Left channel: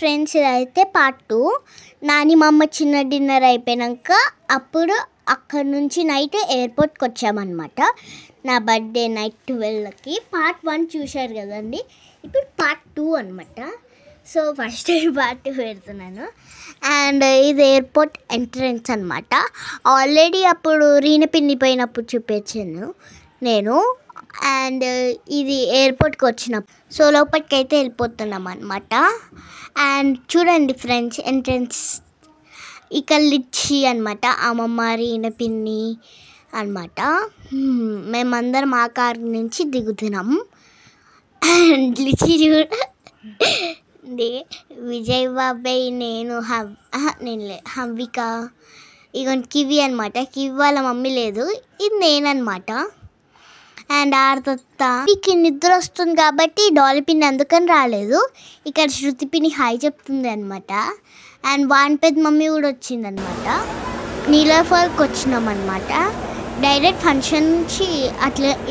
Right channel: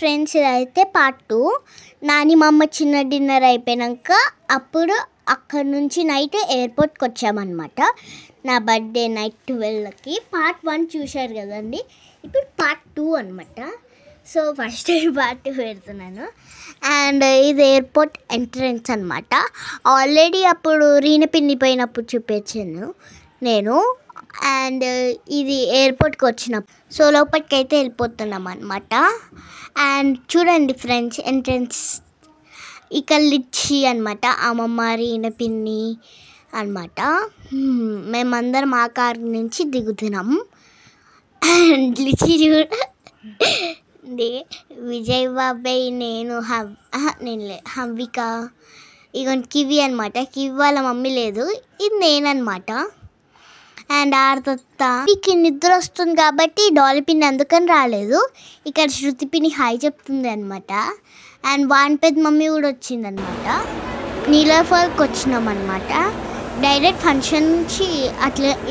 Friends, ఇదైతే part 2. Nani మా అమ్మ చిన్న డిన్నర్ అయిపోయాక అప్పుడు అక్కడ నుంచి నైట్ ఎయిర్పోర్ట్కి వచ్చామన్నమాట. నా బర్త్డే నైట్ 12కి. పార్ట్ 1 చూశారు కదండి, ఇప్పుడు పార్ట్ 2 అనమాట. సో ఫస్ట్ పార్ట్ 2 పెడుతున్నాను. అండ్ ఇది ఎయిర్పోర్ట్ ఎంట్రన్స్ అనమాట. ఆల్రెడీ అప్పుడు రీన పిన్ని పోయినప్పుడు చూపించాను నేను. అండ్ ఇది ఎయిర్పోర్ట్కి వచ్చినప్పుడు. సో లోపలికి అయితే వెళ్ళిపోతున్నాం అనమాట. అండ్ చూడండి ఫ్రెండ్స్, ఎంట్రన్స్ ఇక్కడ లిచ్చి అనమాట, అమ్మమ్మ రీన పిన్ని అనమాట. మేమందరం ఆ కార్ నుంచి దిగుతున్నాం. అండ్ లిచ్చి చూడండి, విజయ్ బాబాయ్, నేను హవ్విక, ఇక కివి అనమాట. కివి వాళ్ళ మమ్మీ లేదు, ఇది నేననమాట. అండ్ ఆర్తత్త మీకు నిద్ర వస్తుంది కాబట్టి డాలి పిన్ని అందుకని రాలేదు. ఇక్కడ శృతి పిన్ని హాయ్ చెప్తుంది అనమాట. అండ్ వాన్ పెద్ద మమ్మీ కూడా వచ్చిందనమాట. నీలఫాల్కి వచ్చినాం అనమాట. డైరెక్ట్ ఫంక్షన్ నుంచి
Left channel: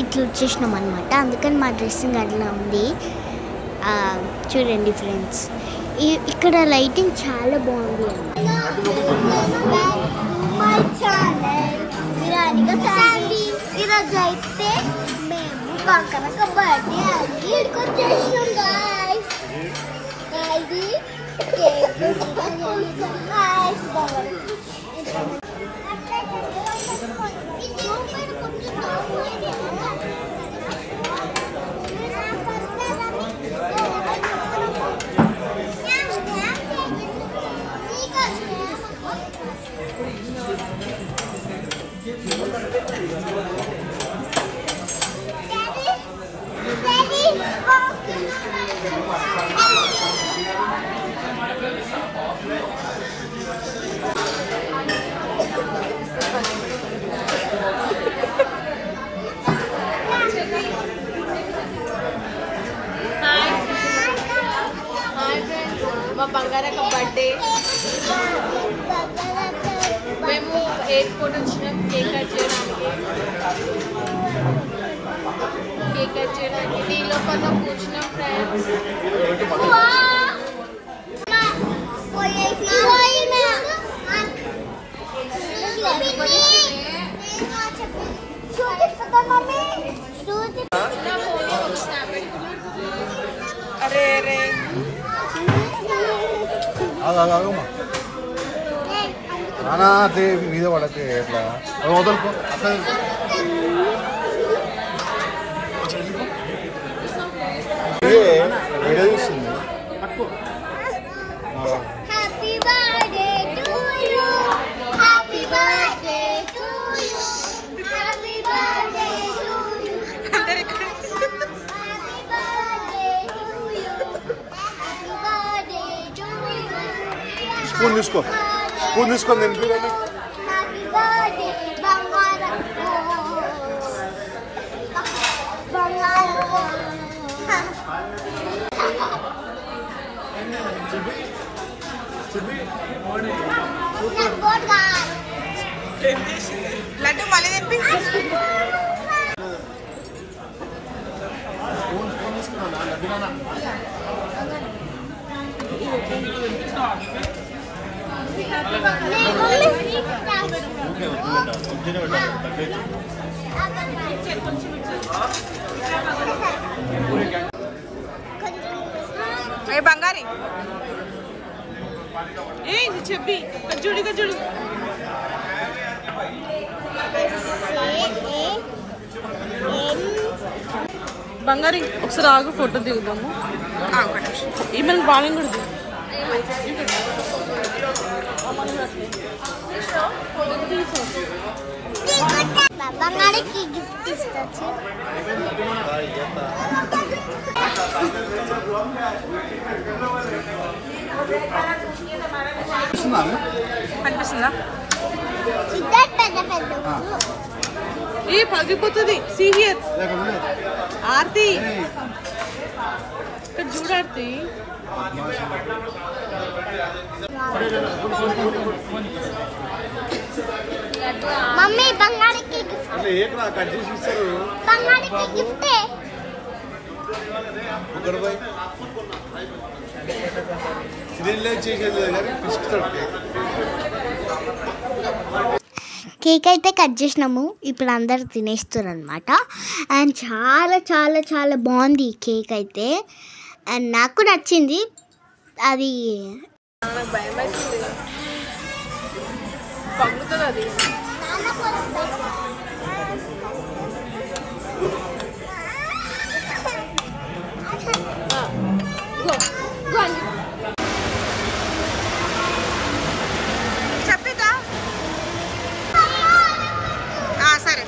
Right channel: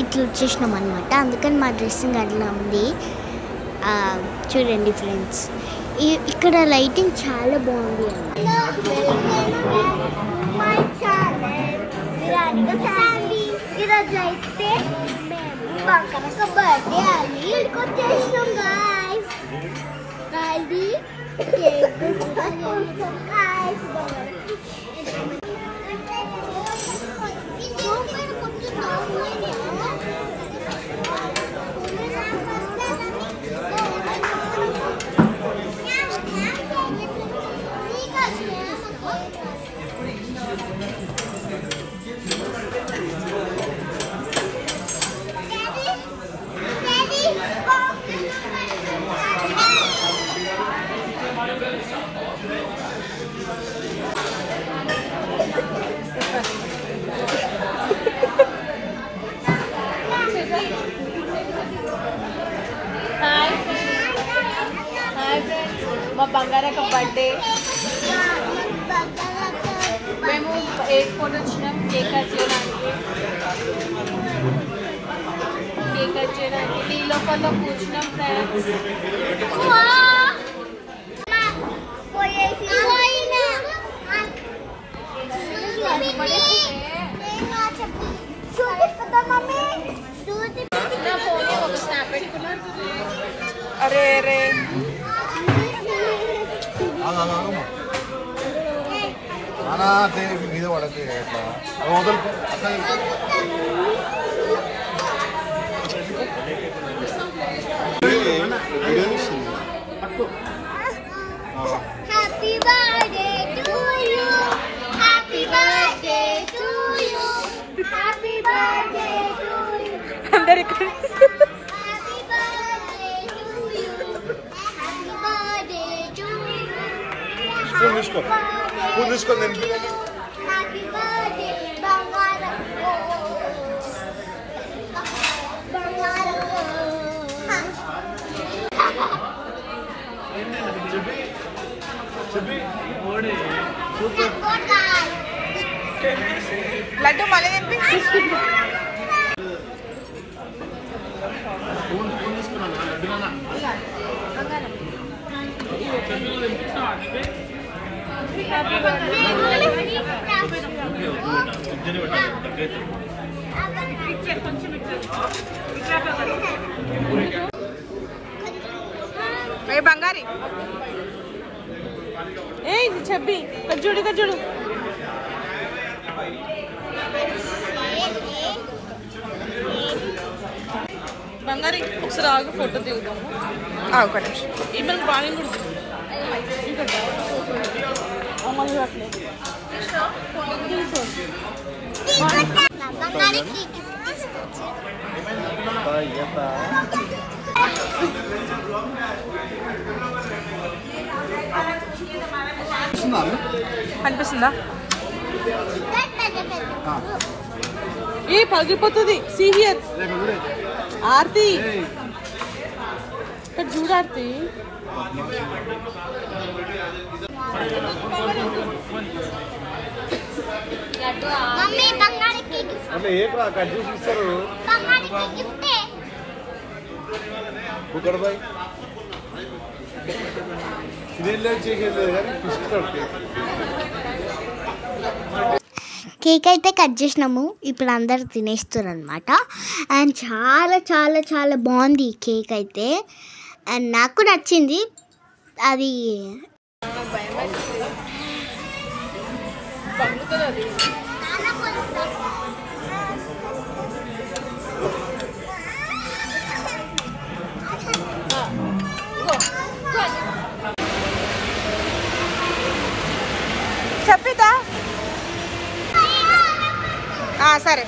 ఇట్లా వచ్చేసినాం అనమాట. అందుకని మా డ్రెస్సింగ్ అట్లా ఉంది. చూడండి ఫ్రెండ్స్, ఇక్కడ లైటింగ్ చాలా బాగుంది ఈరోజు అయితే మేము అక్కడ బర్త్డే అని ఇక్కడికి వచ్చేసినాం గాయ్స్. ఇది కేక్ మా బంగారక్క బర్త్డే. ఎయిర్పోర్ట్ వచ్చినాం కేక్ కట్ చేయడానికి దీనిలో కొంత కూర్చున్నాం ఫ్రెండ్స్. అరే అరే మీద పడతే ఎట్లా వదులుకో. Happy birthday to you, happy birthday to you, happy birthday to you, అందరికి happy birthday to you, happy birthday to you. Spoon తీసుకో, స్పూన్ తీసుకో. హ్యాపీ బర్త్డే బంగారం బంగారం. లడ్డు మళ్ళీ తినిపి. ఏ బంగారి, ఏ ఇది చెప్పి కజ్జుడు కజ్జుడు బంగారి. ఒకసారి ఆగు, ఫోటో దిగుదాము. ఒక నిమిషం, ఈమెయిల్ బాగా కూడా అనిపిస్తుందా? ఏ పగిలిపోతుంది. సీరియస్ ఆర్తి, ఇక్కడ చూడు ఆర్తి. మమ్మీ బంగారికి గిఫ్ట్. కేక్ అయితే కట్ చేసినాము. ఇప్పుడు అందరు తినేస్తారు అనమాట. అండ్ చాలా చాలా చాలా బాగుంది ఈ కేక్ అయితే. అండ్ నాకు నచ్చింది. అది చెప్పిదా సరే.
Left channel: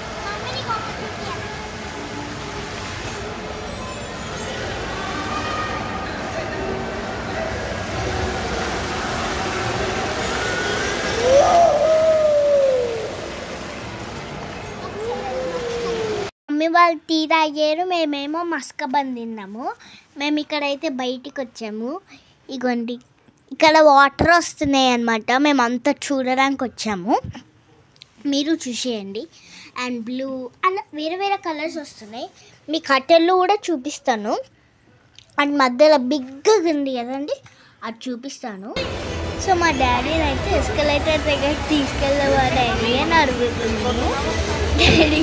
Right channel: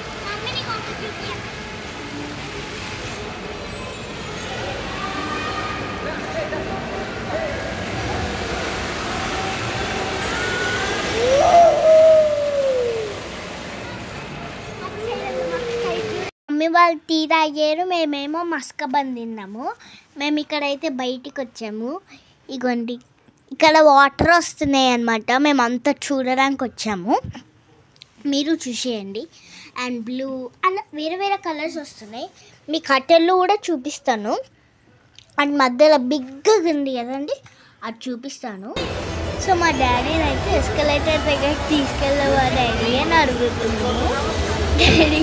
మమ్మీ వాళ్ళు టీ తాగారు, మేమేమో మస్కబన్ తిన్నాము. మేము ఇక్కడైతే బయటికి వచ్చాము. ఇగోండి ఇక్కడ వాటర్ వస్తున్నాయి అన్నమాట. మేము అంతా చూడడానికి వచ్చాము, మీరు చూసేయండి. అండ్ బ్లూ అలా వేరే వేరే కలర్స్ వస్తున్నాయి. మీ కట్టెలు కూడా చూపిస్తాను. అండ్ మధ్యలో బిగ్గా ఉంది కదండి, అది చూపిస్తాను. సో మా డాడీని అయితే ఎస్కలేటర్ దగ్గరికి తీసుకెళ్ళవా డాడీ అని అడుగుతున్నాము. డాడీ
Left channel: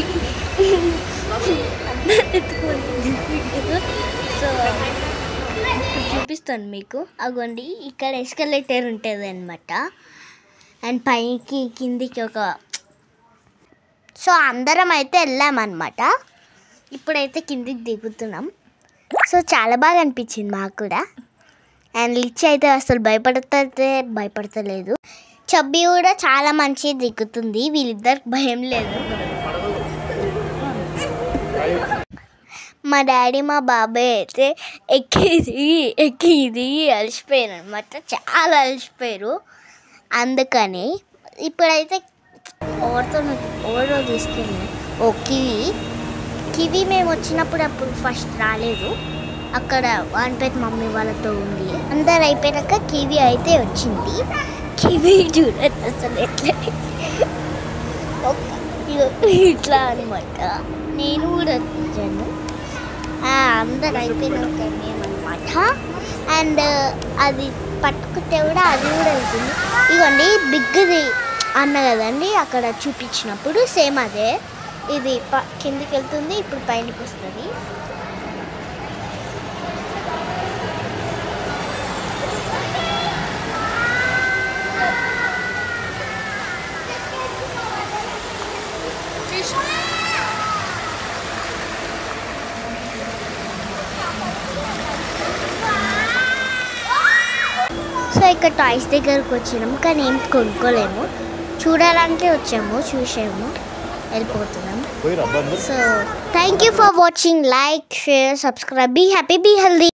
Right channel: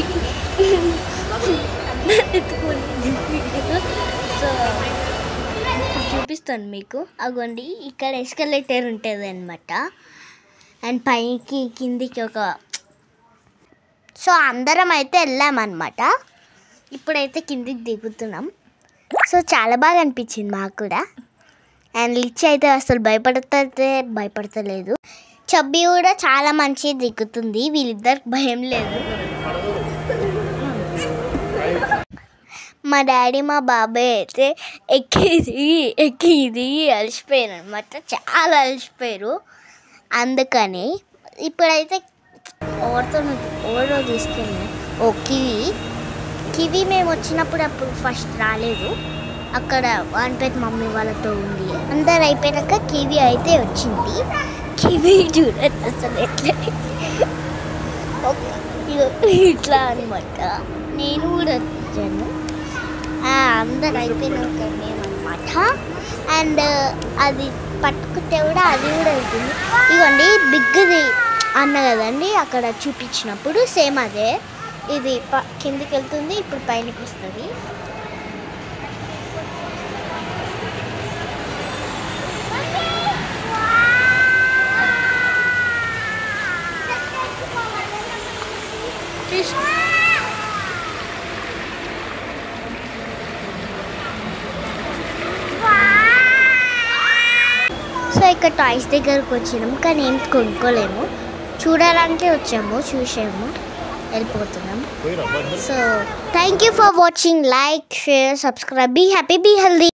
సో చూపిస్తాను మీకు. అగోండి ఇక్కడ ఎస్కలేటర్ ఉంటుంది అనమాట. అండ్ పైకి కిందికి ఒక సో అందరం అయితే వెళ్ళామన్నమాట. ఇప్పుడైతే కిందికి దిగుతున్నాం. సో చాలా బాగా అనిపించింది మాకు కూడా. అండ్ లిచ్చి అయితే అసలు భయపడతలేదు. చబ్బి కూడా చాలా మంచిగా దిగుతుంది. వీళ్ళిద్దరికి భయం లేదు. మా డాడీ మా బాబాయ్ అయితే ఎక్కి అలసిపోయారు అనమాట. చాలా అలసిపోయారు. అందుకని ఇప్పుడైతే ఓవరో తీసుకెళ్ళి కివి మేము వచ్చినప్పుడు అప్పుడు ఫస్ట్ రాలేదు. అక్కడ వాన్పేట్ మమ్మీ వాళ్ళతో ఉంది. అందరు అయిపోయాక కివి అయితే వచ్చింది. కివి చూడండి అసలు ఎట్లా ఇట్లా అనమాట. నేను కూడా వచ్చాను. అందరు అయిపోయినాక మేమన్నమాట. అండ్ అది పట్టుకుంటే కూడా అది కూడా వెళ్తుంది. ఇదిగోండి బిగ్ది అన్న కదండి అక్కడ చూపించినప్పుడు సేమ్ అదే. ఇది కిందికి వెళ్తుంది, ఇప్పుడు పైనకి వస్తుంది. సో ఇక్కడ టాయ్స్ దగ్గరకు వచ్చినాము, కానీ ఏం కొనుక్కోలేము. చూడడానికి వచ్చాము, చూసాము, వెళ్ళిపోతున్నాం. So thank you for watching. Like, share, subscribe. Be happy, be healthy.